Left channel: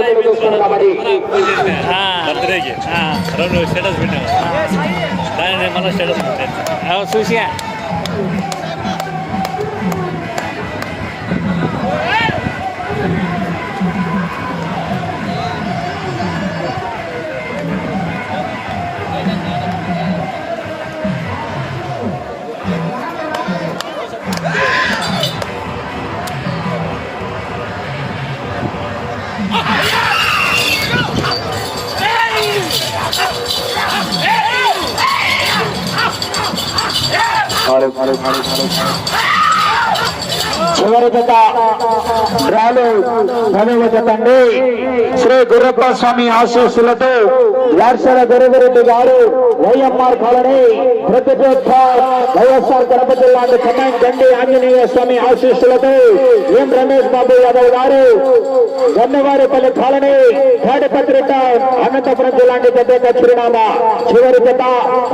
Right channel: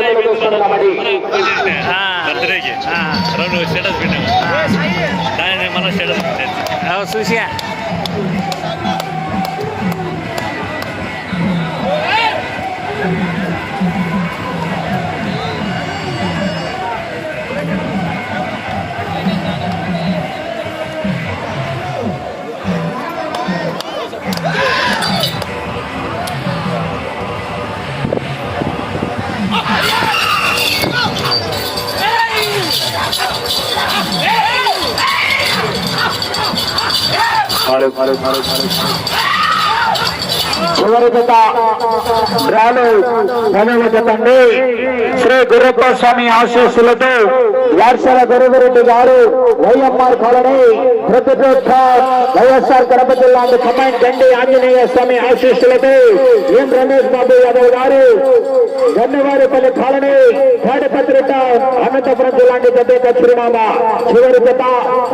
आपल्याकडे सोडला मध्ये स्टेटस भेटेल मला स्टेटस भेटेल ফারুক ফারুক ফারুক చివరి జత రాలు పనుల జత శ్రీ గురుప్ప స్వామి ఆశీస్సులతో వార్సల గురుగురెడ్డి గారు వైఎంఆర్ కాలనీ ప్రతిపక్ష వైఎస్ఆర్ కడప జిల్లా కమాండ్ గండి ఆంజనేయ స్వామి ఆశీస్సులతో ఎం రమేష్ బాబు యాదవ్ గారు గన్నవారిపల్లి కాలనీ తాడిపత్రిక అనంతపురం జిల్లా జత చిరునామా. చివరి జత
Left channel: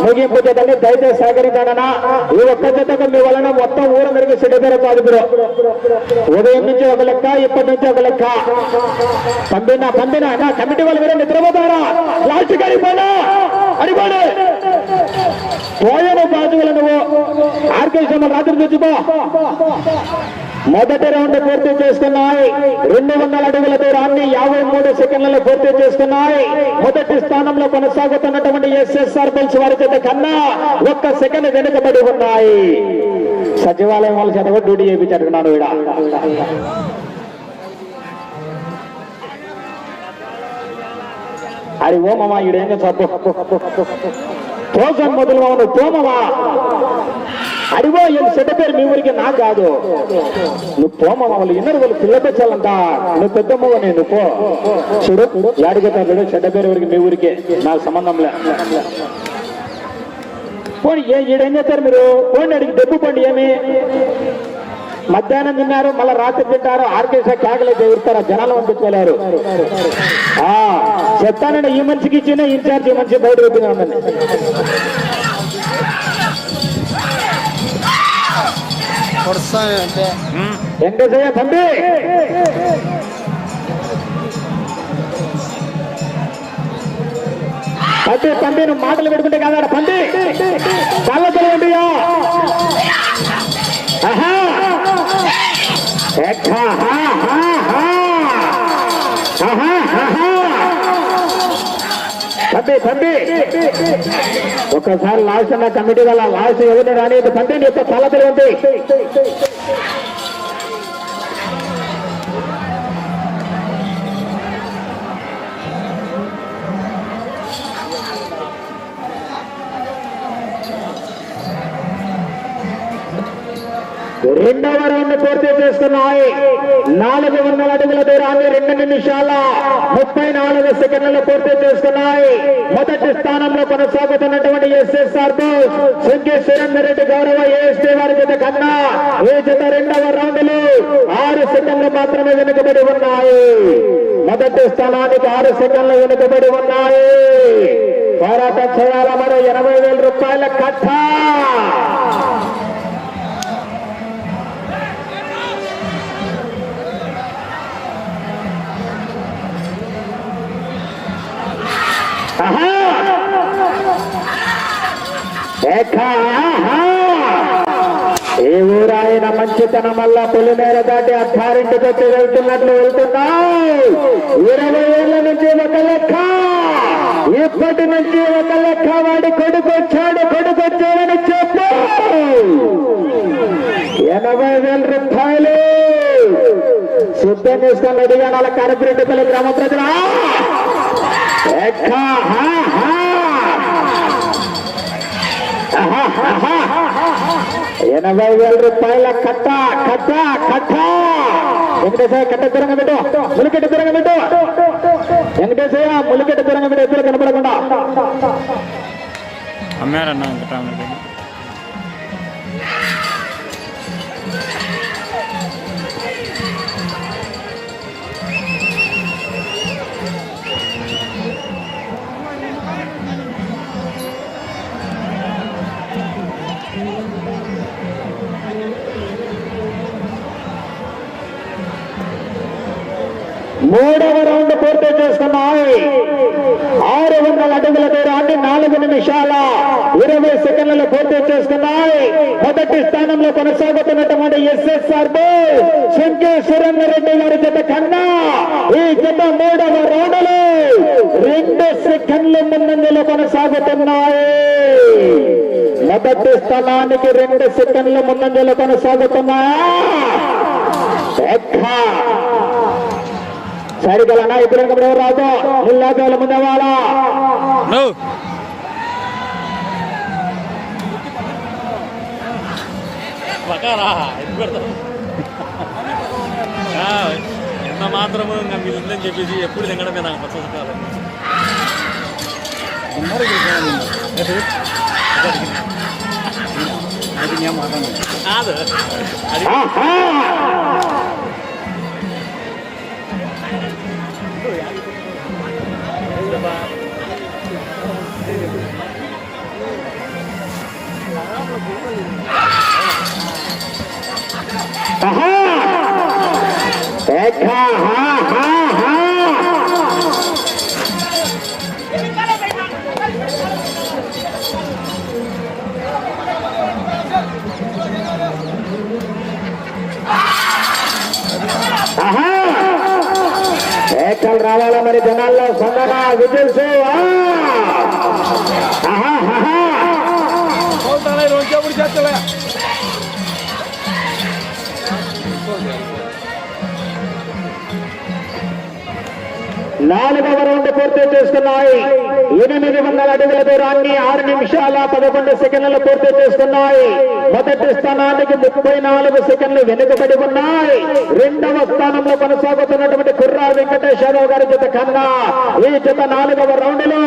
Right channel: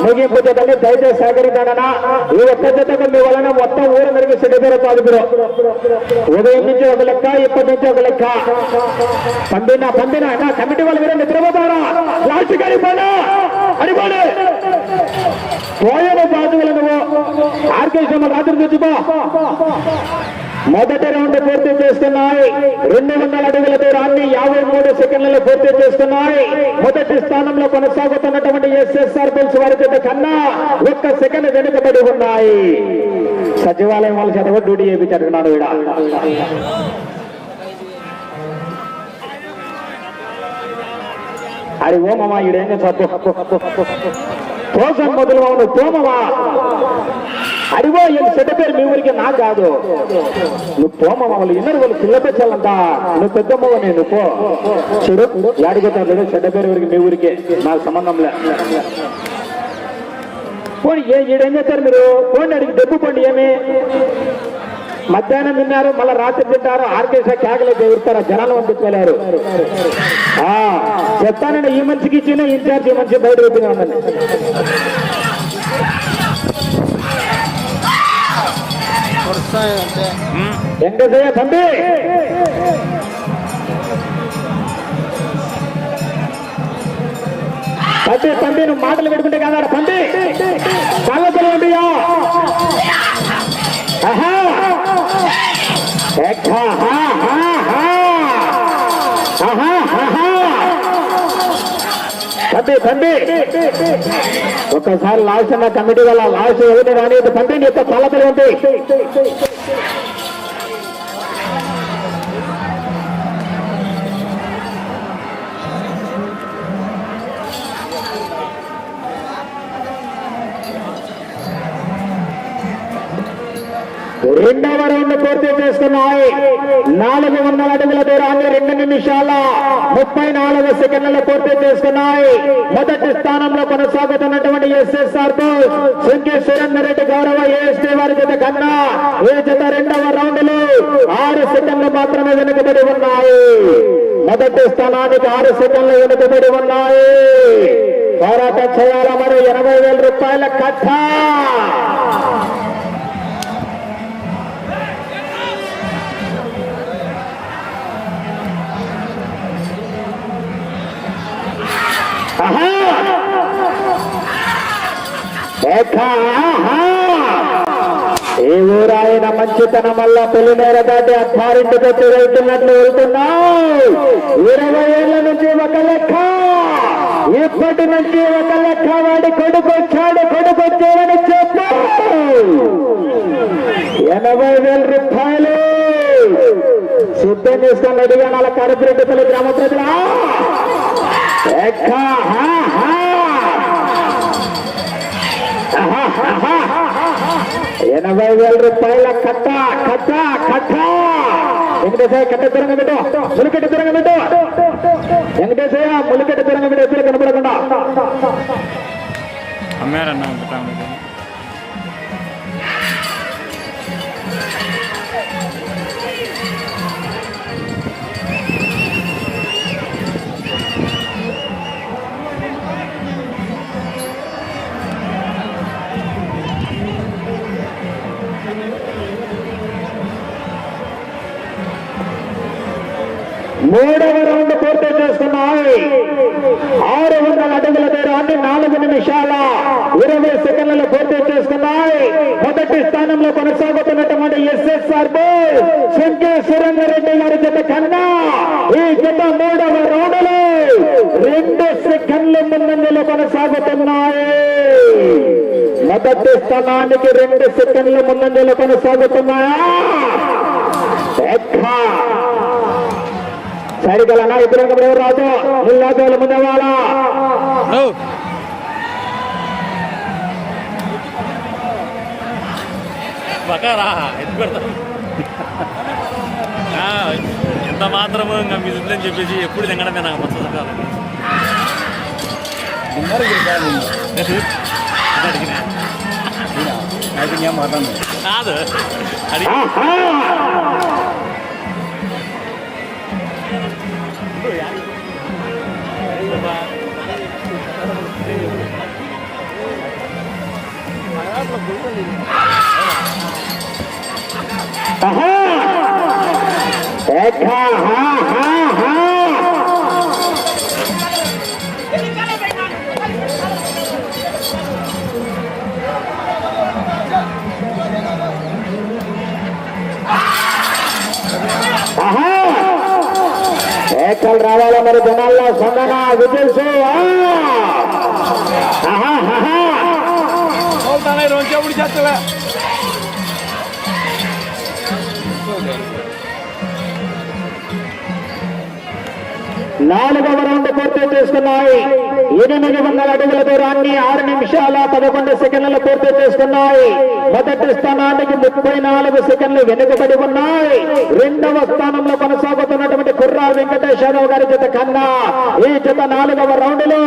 ముగింపు జతని దయచేసి సహకరించాలన్నా ఈ ఒక్క జతకు మీ వలన మొత్తం ఊరు మెరుగు సిడిపేరు కాదు మీరు ఉదయం నుంచి ఒక లెక్క ఇప్పటి నుంచి ఒక లెక్క పంపిన పంపిన నా కమిటీ వాళ్ళు మీరు నిద్రపోతారా లాస్ట్ అడిపోనా అడిపోడు పోయను బాధువులు నువ్వు ఆర్కేశ్వర రాత్రి తెచ్చుకో మొదటి రౌండ్ పూర్తి చేసుకున్నాయి. రెండు వందల అడుగుల దూరాన్ని యాభై మూడు సెకండ్లలో పూర్తి చేసుకున్నాయి. మొదటి స్థానంలో కొనసాగుతున్నటువంటి ఎస్ఎస్ఆర్ బెల్స్ వారి చేత కన్నా ఒక్క సెకండ్ వెనుకబడి ఉన్నాయి. సచివాలయం వాళ్ళ చేత కూడా డ్యూటీ చేయించారు ఇక్కడ అది ఓమమ్మా ఈడేం చెప్పు తోసం మొదలు అవును తోమమా అడిగో వీళ్ళు చెడ్డ పేరు మీ ఊరికి నా కాదు. నువ్వు పోమమ్మ వాళ్ళు ఇన్నరు వాళ్ళు పిల్ల తెచ్చాలంట నువ్వు పెద్దమ్మగా నేను పో. చిరు యాడిపోతారు చెడ్డ పేరు ఊరికి మీ ఊరికే. నాకు సంబంధం లే. పోనీ ఏ ఏడేం చేస్తారు మీరు? పోండి అడిగి డబ్బు పండి ఏమి? మధ్యాహ్నం తిన్నారు మళ్ళీ రాత్రి తింటారు ఆర్కేసే కాగలే ఎగురుతారు జనాలు పంపించుకోలేరు ఆ, చెప్తానండి ఈ మనిషికి ఇచ్చిన ఇన్ఛార్జ్ ఈ మనిషి బయట పెట్టిన ఉండండి వెంకటయ్య పంపి పంపి పంపి నువ్వు మాటలు పెడుకుంటే కాదా పంపి పల్లెలు ఎక్కా, ఆహా, పంపి పంపి ఒక్కసారి లాస్ట్ నా కమిటీ వల్ల లాస్ట్ ఎవరిని రాని పంపి యొక్క పల్లెలు ఉంది రెండవ రౌండ్ పూర్తి చేసుకున్నాయి. నాలుగు వందల అడుగుల దూరాన్ని రెండు నిమిషాల ముప్పై నాలుగు సెకండ్లు పూర్తి చేసుకున్నాయి. మొదటి స్థానంలో కొనసాగుతున్నటువంటి ఎస్ఎస్ఆర్ సింగి సురేందర్ రెడ్డి గౌరవ ఏఎస్టీ వారి జత కన్నా ఈ జత రెండవ రౌండ్లు ఆరు సెకండ్లు మాత్రమే వెనుకబడి ఉన్నాయి. మొదటి స్థానానికి ఆరు సెకండ్లు వెనుకబడి ఉన్నాయి. పోరాటం చేయాల మరి? ఎనభై వేల రూపాయల కట్ట ఏ ఊరాయన మంచితనం వల్ల పులిమేర దాటి అత్తారింటికి పెట్టి వెళ్తున్నట్లు వెళ్తున్నావు? ఇరవై ఏళ్ళ నుంచి ఒక లెక్క. ఇప్పటి నుంచి ఒక లెక్క వాడు కొడుకొచ్చాడు కొడుకొచ్చాడని చెప్పు. ఎనభై వేల రూపాయలు. సిద్ధం చేసుకొని రెడీగా నాలుగు కరపురెడ్డిపల్లి గ్రామ ప్రజల. ఎక్కా, హా, హా. ఎనభై వేల రూపాయల కట్ట కట్ట కట్ట వెంకటేశ్వర కట్ట తిరగ పెట్టు ములికెట్ట తిరగ పెట్టు వెంకటేశ్వర ములికెట్ట తిరగ పెట్టు ఎప్పుడు కనపడకుండా మొదటి స్థానంలో కొనసాగుతున్నటువంటి ఎస్ఎస్ఆర్ శంకేశ్వరం రెడ్డి గారి జత కన్నా ఈ జత మూడవ రౌండ్లో రెండు సెకండ్లు ముందంజలో కొనసాగుతున్నాయి మొదటి స్థానానికి రెండు సెకండ్ల ముందంజలో కొనసాగుతున్నా ఎక్కా. సరిగల నాయకులు ఎవరు రాజా నిల్లాదోల ముందవాలా? ఎత్తు పెడతాను ఆ, ఎంత మాత్రము ఇంకా మిగులుతుందని చెప్పేసి ఎప్పుడు తినడమే నాకు పుస్తకాలు కాదు అది ఆహా! ఆహా! ఏకా, హా, నాలుగవ రౌండ్ పూర్తి చేసుకున్నాయి. ఎనిమిది వందల అడుగుల దూరాన్ని ఆరు నిమిషాల పదకొండు సెకండ్లు పూర్తి చేసుకున్నాయి. మొదటి స్థానానికి ముప్పై నాలుగు సెకండ్లు వెనుకబడి ఉన్నాయి. రెండవ స్థానంలో కొనసాగుతున్నటువంటి కుర్రా వెంకటేశ్వరరావు గారి జత కన్నా ఈ జత నాలుగవ రౌండ్లు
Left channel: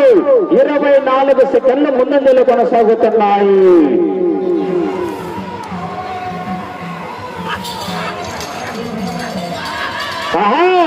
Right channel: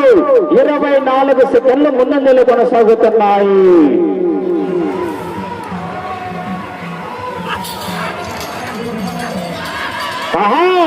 ఇరవై నాలుగు సెకండ్లు ముందంజలు కొనసాగుతున్నాయి. ఆహా!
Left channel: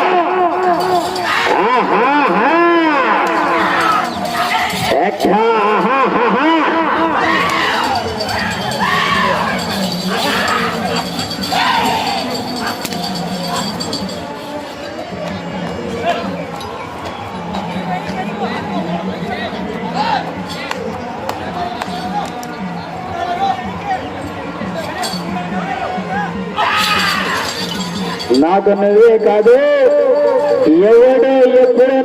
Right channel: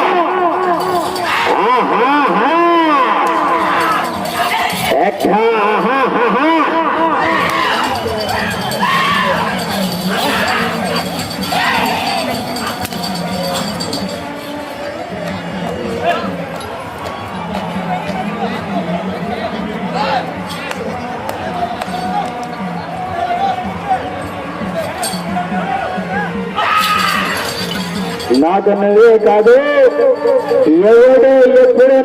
నాకు నువ్వే కాదు ఎవడు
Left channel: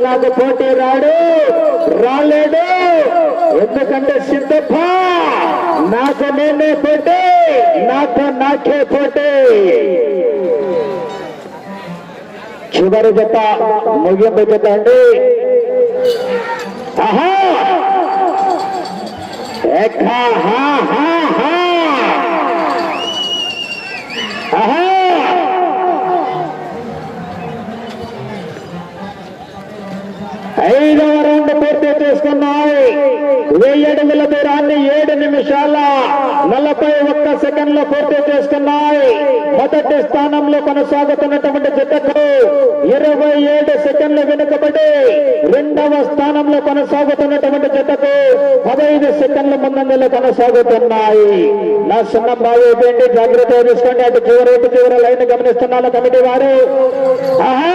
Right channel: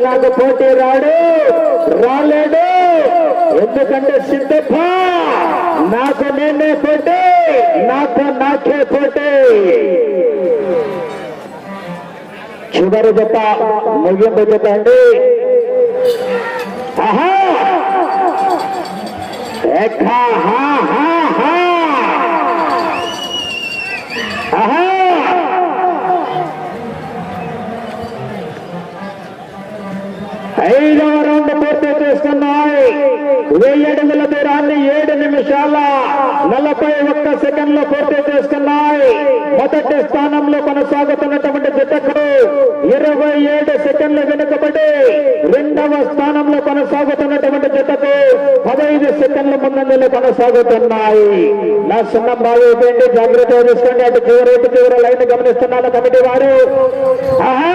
నాకు పోటీ రాడు రాలేడు. ఎందుకంటే సిద్ధప్ప నాకు నేనే పోటీ నాకు నాకే పోటీ. చివరి జత ముగింపు జత అండి. ఆహా! హా, హా, హా. ఆహా ఐదవ రౌండ్ పూర్తి చేసుకున్నాయి వెయ్యి అడుగుల దూరాన్ని ఏడు నిమిషాల నలభై ఒక్క సెకండ్లో పూర్తి చేసుకున్నాయి. మొదటి స్థానంలో కొనసాగుతున్నటువంటి జతకు ఇరవై ఏడు సెకండ్లు వెనుకబడి రెండవ స్థానంలో కొనసాగుతున్నటువంటి జతకు పదహైదు సెకండ్ల ముందంజలో కొనసాగుతున్నాయి. నా సున్నం బాగా జాగ్రత్తగా తీసుకోండి అటు చివరి ఇటు చివరి లైన్ గమనిస్తున్నాను కమిటీ వారు. ఆహా!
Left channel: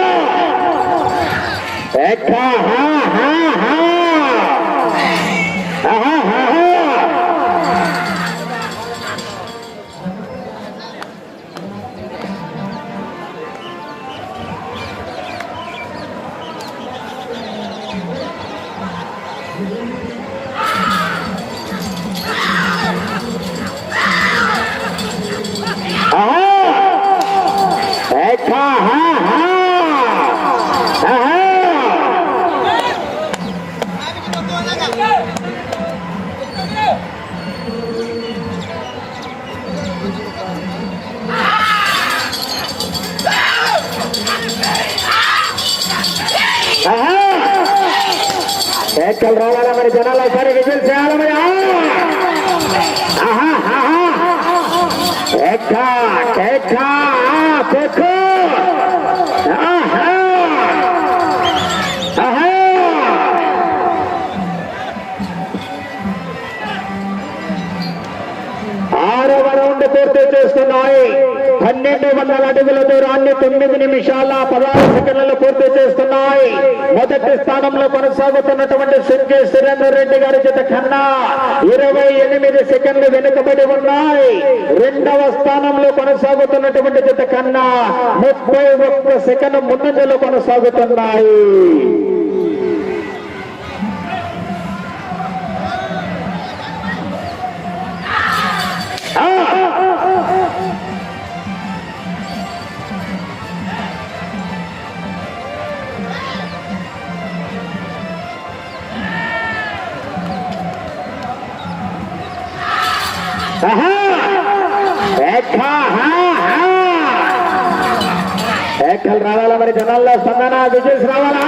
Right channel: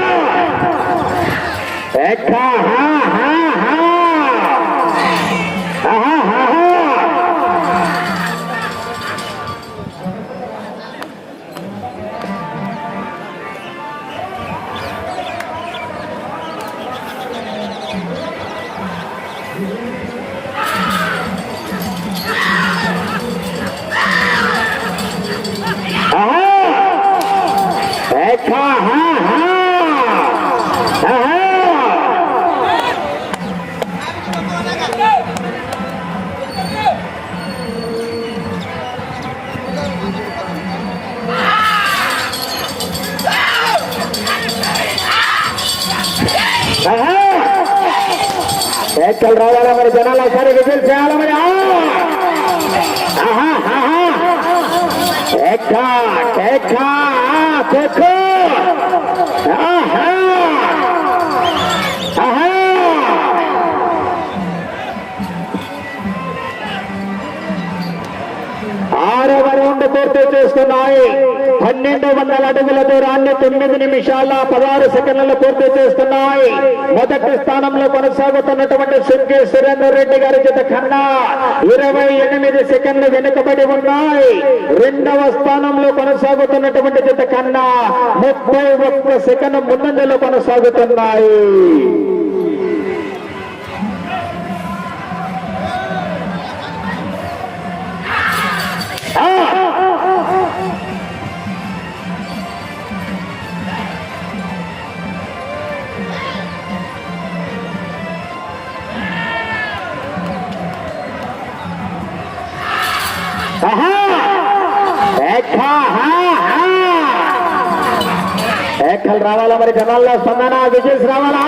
ఏకలు రావాలా మరి జనాలు ఒకసారి రిజల్ట్ చేయాలా మరి? ఆహా, ఆహా. ఏక, ఏక, ఆరవ రౌండ్ పూర్తి చేసుకున్నాయి. పన్నెండు వందల అడుగుల దూరాన్ని తొమ్మిది నిమిషాల పదహారు సెకండ్లలో పూర్తి చేస్తున్నాయి. మొదటి స్థానంలో కొనసాగుతున్నటువంటి సుంకే సురేందర్ రెడ్డి గారి జత కన్నా ఇరవై ఎనిమిది సెకండ్లు వెనుకబడి ఉన్నాయి. రెండవ స్థానంలో కొనసాగుతున్నటువంటి జత కన్నా ముప్పై ఒక్క సెకండ్ ముందంజలో కొనసాగుతున్నాయి. ఏఖలు రావాలా మరి జనాల్లో స్పందన విజయస్ రావాలా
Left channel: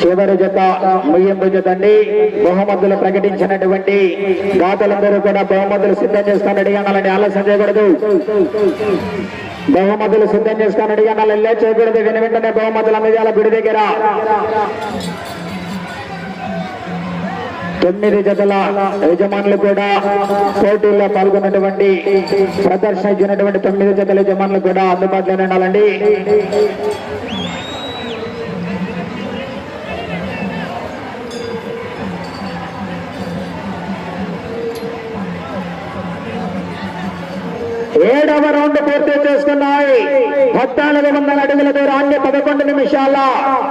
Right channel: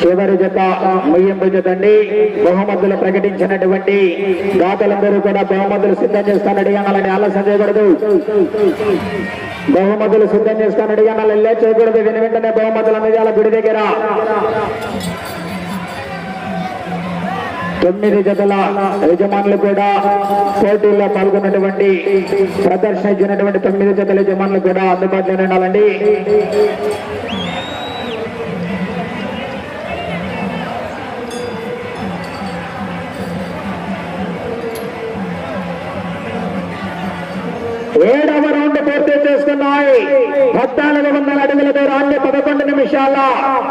చివరి జత ముయ్యంపు జతండి. బహుమతులు ప్రకటించినటువంటి దాతలందరూ కూడా బహుమతులు సిద్ధం చేసుకొని అడిగాలని ఆలోచన చేయకూడదు. బహుమతులు సిద్ధం చేసుకొని అడిగాను వెళ్ళే చేయకూడదు విని వెంటనే బహుమతులు అందజేయాల గుడి దగ్గర. తొమ్మిది జతల యజమానులు కూడా పోటీల్లో పాల్గొన్నటువంటి ప్రదర్శన ఇచ్చినటువంటి తొమ్మిది జతల యజమానులు కూడా అందుబాటులో ఉండాలండి. ఏడవ రౌండ్ పూర్తి చేసుకున్నాయి. పద్నాలుగు వందల పదకొండు నిమిషాల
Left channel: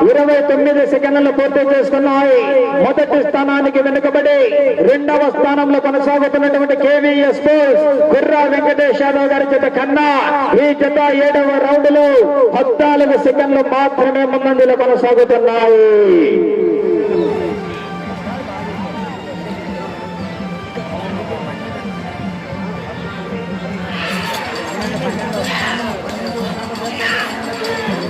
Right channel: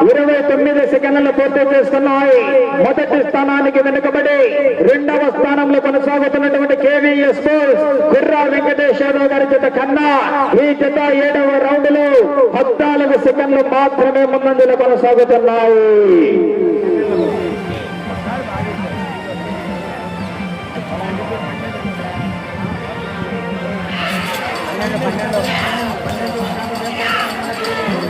ఇరవై తొమ్మిది సెకండ్లు పూర్తి చేసుకున్నాయి మొదటి స్థానానికి వెనుకబడి రెండవ స్థానంలో కొనసాగుతున్నటువంటి కేవీఎస్ స్పోర్ట్స్ కుర్రా వెంకటేష్ యాదవ్ గారి జత కన్నా ఈ జత ఏడవ రౌండ్లో పద్నాలుగు సెకండ్లు మాత్రమే ముందంజలో కొనసాగుతున్నాయి ఆహా!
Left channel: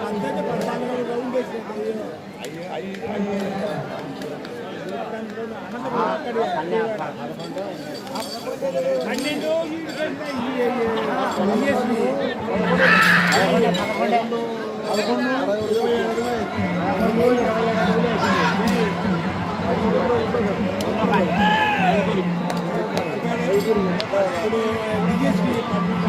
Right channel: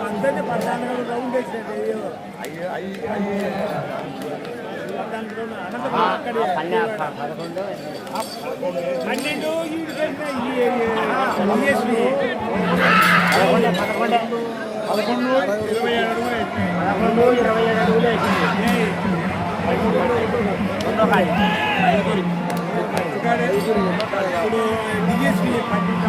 పద్దెనిమిది పద్నాలుగు రౌండ్ వేసినట్టు అయ్యో. పన్నెండు పదకొండు ఇరవై ఏడు పదకొండు ఇరవై ఏడు అడుగులు వేసింది. ఇప్పుడు DSP పన్నెండు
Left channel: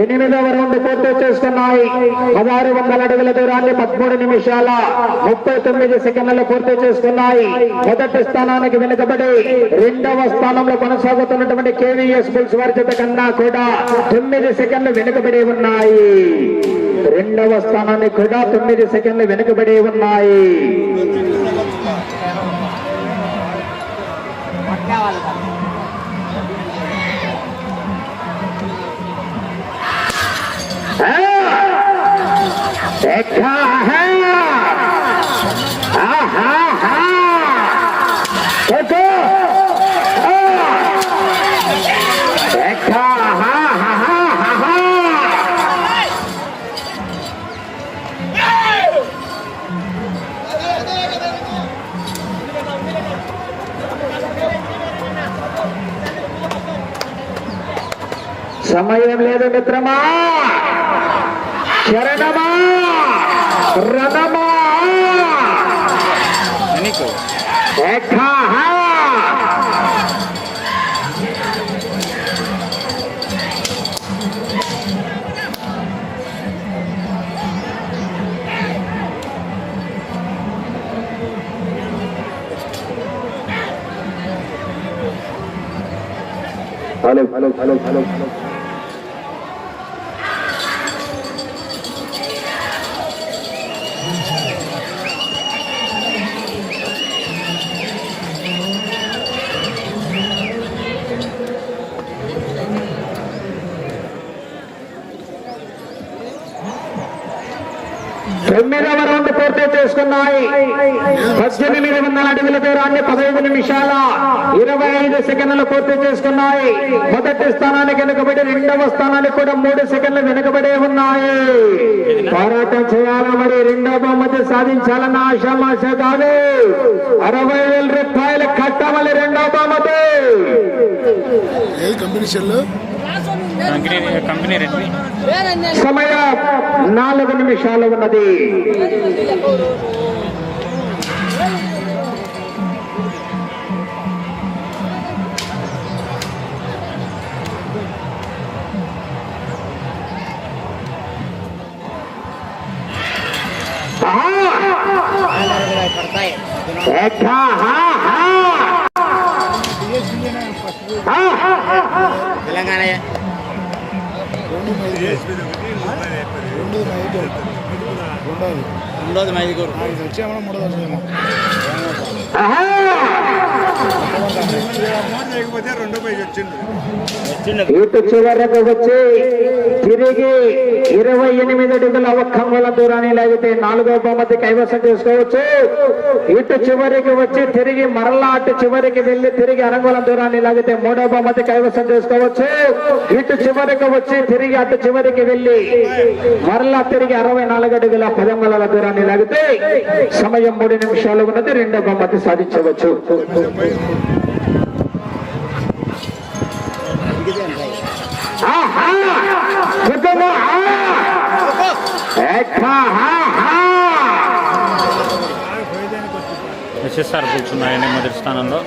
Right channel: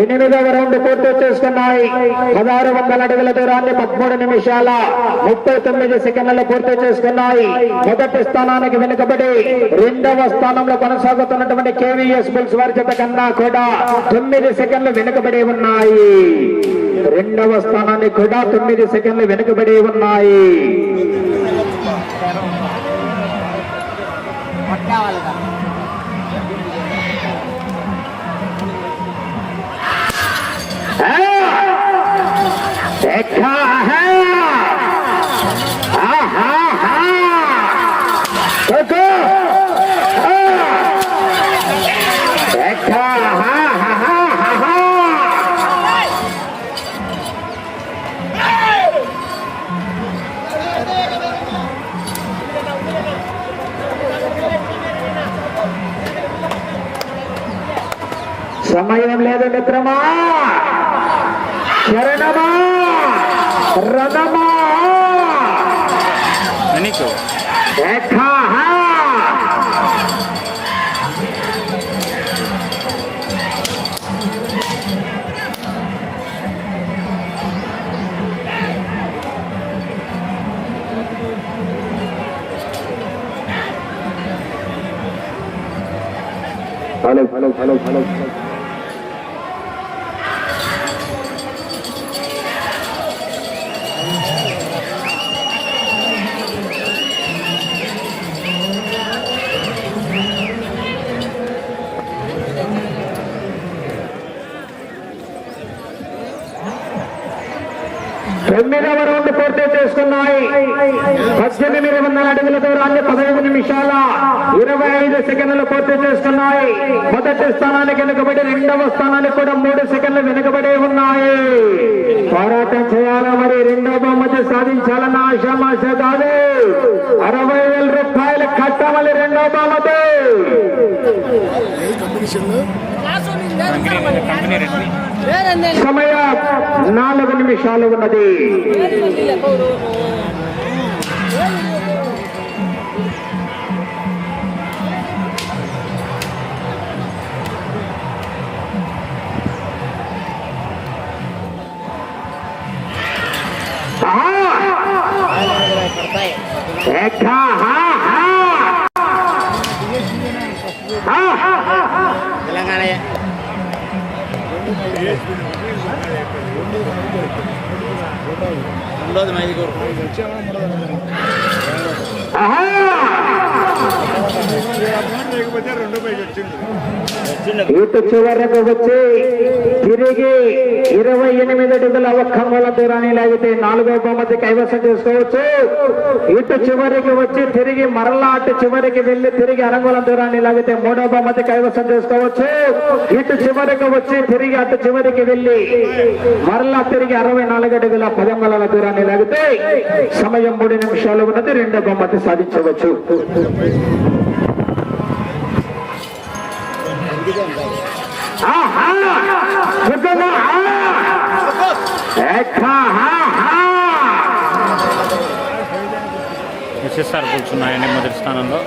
ఎనిమిదవ రౌండ్ పూర్తి చేసుకున్నాయి. పదహారు వందల అడుగుల దూరాన్ని పదమూడు నిమిషాల ముప్పై తొమ్మిది సెకండ్లలో పూర్తి చేసుకున్నాయి. మొదటి స్థానానికి వెనుకబడి రెండవ స్థానంలో కొనసాగుతున్నటువంటి కేవీఎస్ బుల్స్ వారి జత కన్నా కూడా తొమ్మిది సెకండ్లు వెనుకబడి ఉన్నాయి. రెండవ స్థానానికి కూడా తొమ్మిది సెకండ్లు వెనుకబడి ఉన్నాయి. సమయం లేదు మిత్రమా. చరణమా రణమా 반응 반응 반응 반응 반응 అడుగుల దూరాన్ని పదహైదు నిమిషాల ఇరవై ఐదు సెకండ్లు పూర్తి చేసుకున్నాయి. మొదటి స్థానానికి వెనుకబడి రెండవ స్థానానికి కూడా మూడు సెకండ్లు వెనుకబడే ఉన్నాయి. పోరాటం చేయాలా మరి? రెండవ బహుమతి సాధించాలన్న ఆశామాష కాదు అరవై వేల రూపాయలు కట్టాలి రెండవ బహుమతి. సమయం నాలుగు నిమిషాలు ఉన్నది. తెలంగాణ కోరు ఇది వచ్చా కూడా మూడో ఆహా. లేకపోతే రెండు పేజీ వచ్చింది ఇటు చివరకు వచ్చి తిరిగి ఇరవై ఎనిమిది అడుగుల ఒక్కంగుల దూరాన్ని లాగితే నాలుగో బహుమతి కైవసం చేసుకోవచ్చు. ఇటు చివరికి వచ్చి తిరిగి మరలా అటు చివరికి వెళ్ళి తిరిగి అరంగుల దూరాన్ని లాగితే మూడో బహుమతి కైవసం చేసుకోవచ్చు. ఇటు చివరికి వచ్చి తిరిగి అటు చివరికి వెళ్ళి మరలా తిరిగి అరవై నాలుగు అడుగుల పదంగుల దూరాన్ని లాగితే సమయం మూడు నిమిషాలు ఉన్నది రెండో బహుమతి సాధించవచ్చు. ఎస్ఎస్ఆర్ కూర్చున్నాయని మొదటి స్థానంలో.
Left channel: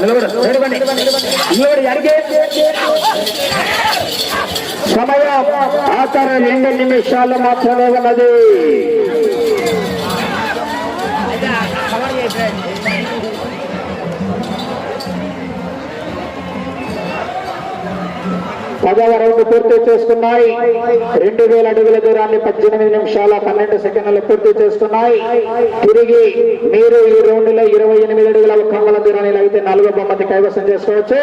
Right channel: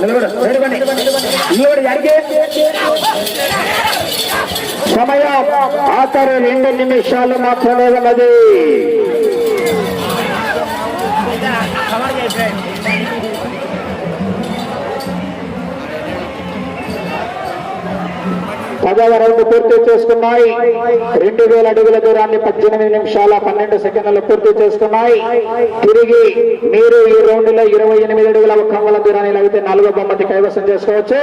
నిలబడు, నిలబడి, నిలబడి, అడిగే. సమయం ఆఖరి రెండు నిమిషాలు మాత్రమే ఉన్నది పదవ రౌండ్ పూర్తి చేసుకున్నాయి. రెండు వేల అడుగుల దూరాన్ని పద్దెనిమిది నిమిషాల పన్నెండు సెకండ్లు పూర్తి చేసుకున్నాయి. తిరిగి మీరు ఈ రౌండ్లో ఇరవై ఎనిమిది అడుగుల కంగల దూరాన్ని లాగితే నాలుగో బొమ్మతి కైవసం చేసుకోవచ్చు.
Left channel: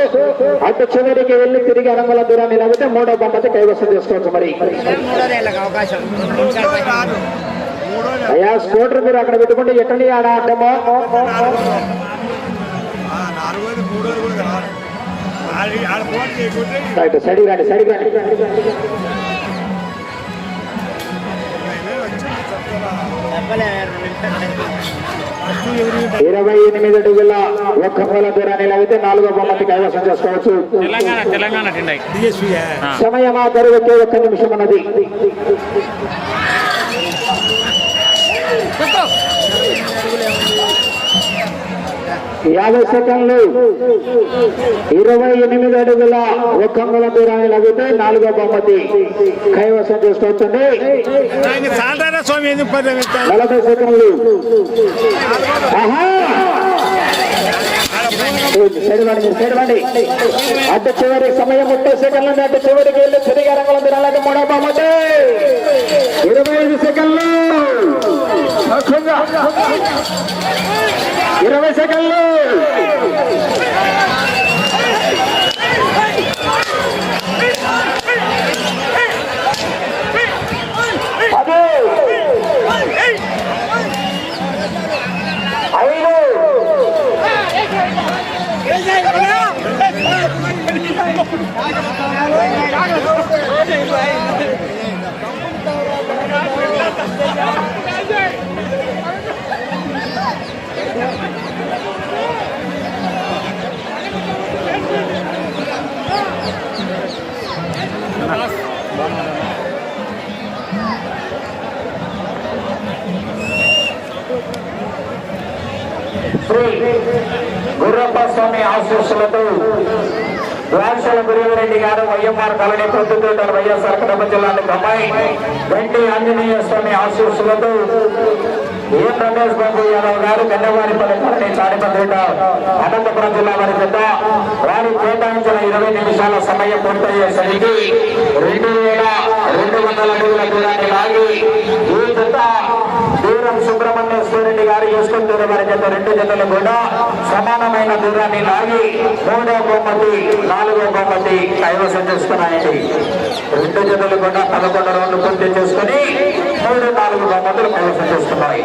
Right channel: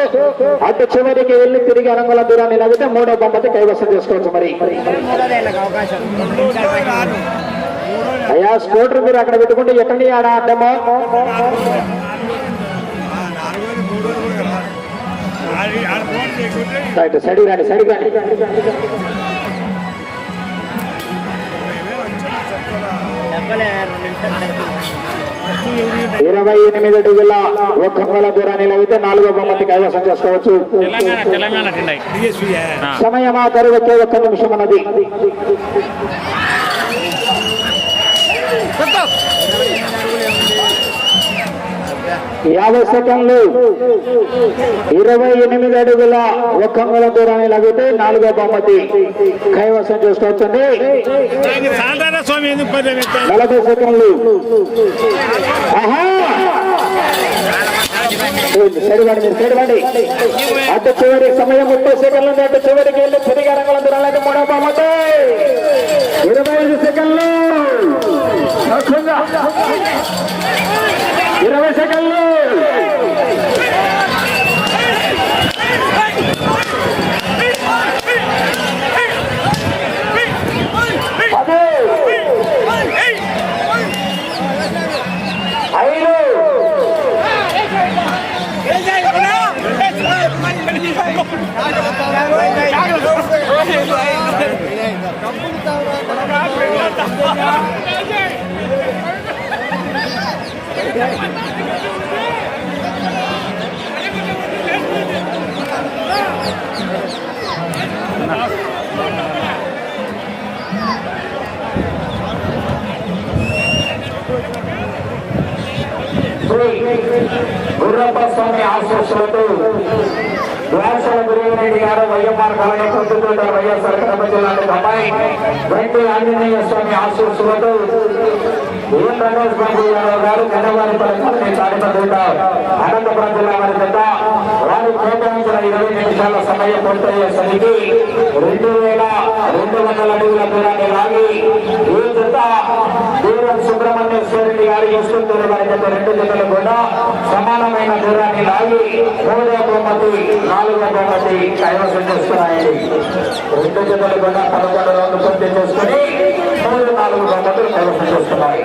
అటు చివరికి వెళ్ళి తిరిగి అరంగుల దూరాన్ని లాగితే మూడో బొమ్మతి కైవసం చేసుకోవచ్చు మరి. అయ్యా స్కూటర్ మీరు అక్కడ పెట్టుకుంటే ఎక్కడి ఆడ ఆడమో నాలుగోది మూడోది కూడా రైట్ రండి రండి. ఇరవై ఎనిమిది అడుగుల ఒక్క మూల దూరాన్ని లాగితే నాలుగో బొమ్మతి కైవసం చేసుకోవచ్చు. తెలంగాణ తెలంగాణ టెండై సమయం ఆ. ఒకే ఒక్క నిమిషం ఉన్నది. యాభై సెకండ్లు. ఇరవై ఎనిమిది అడుగుల ఒక్క మూల దూరాన్ని లాగితే నాలుగో బొమ్మతి కైవసం చేసుకోవచ్చండి నలభై సెకండ్లు. అడ్డు చివరి సమయం ముప్పై సెకండ్లు. అడ్డు చివరికి వెళ్ళి తిరిగి రంగుల దూరాలకి మూడో బహుమతి. ఇరవై ఐదు సెకండ్లు. ఇరవై సెకండ్లు. వైఎస్ఆర్ కడప జిల్లాని బొమ్మాయి వెంటి ఆంజనేయ స్వామి ఆశీస్సులతో ఏం రమేష్ బాబు యాదవ్ గారు గన్నవారిపల్లి కాలనీ చారిపేట అనంతపురం జిల్లా వారి పెద్ద వారు కేటాయించిన ఇరవై నిమిషాల సమయం పూర్తయ్యేసరికి రెండు వేల రెండు వందల అడుగుల దూరాన్ని లాగి ఈ జత దూరం సుబ్రహ్మణ్యేశ్వరుడి గారు చేసుకుంటున్న వారి రెండు జతలు కూడా సమానమైన దూరాన్ని లాగి మూడో బహుమతి నాలుగో బహుమతి కైవసం చేసుకున్నాయండి. రెండు జతలు కూడా పదకొండు రోజులు పూర్తి చేసుకుని మూడు నాలుగు బొమ్మతులు కైవసం చేసుకున్నాయి.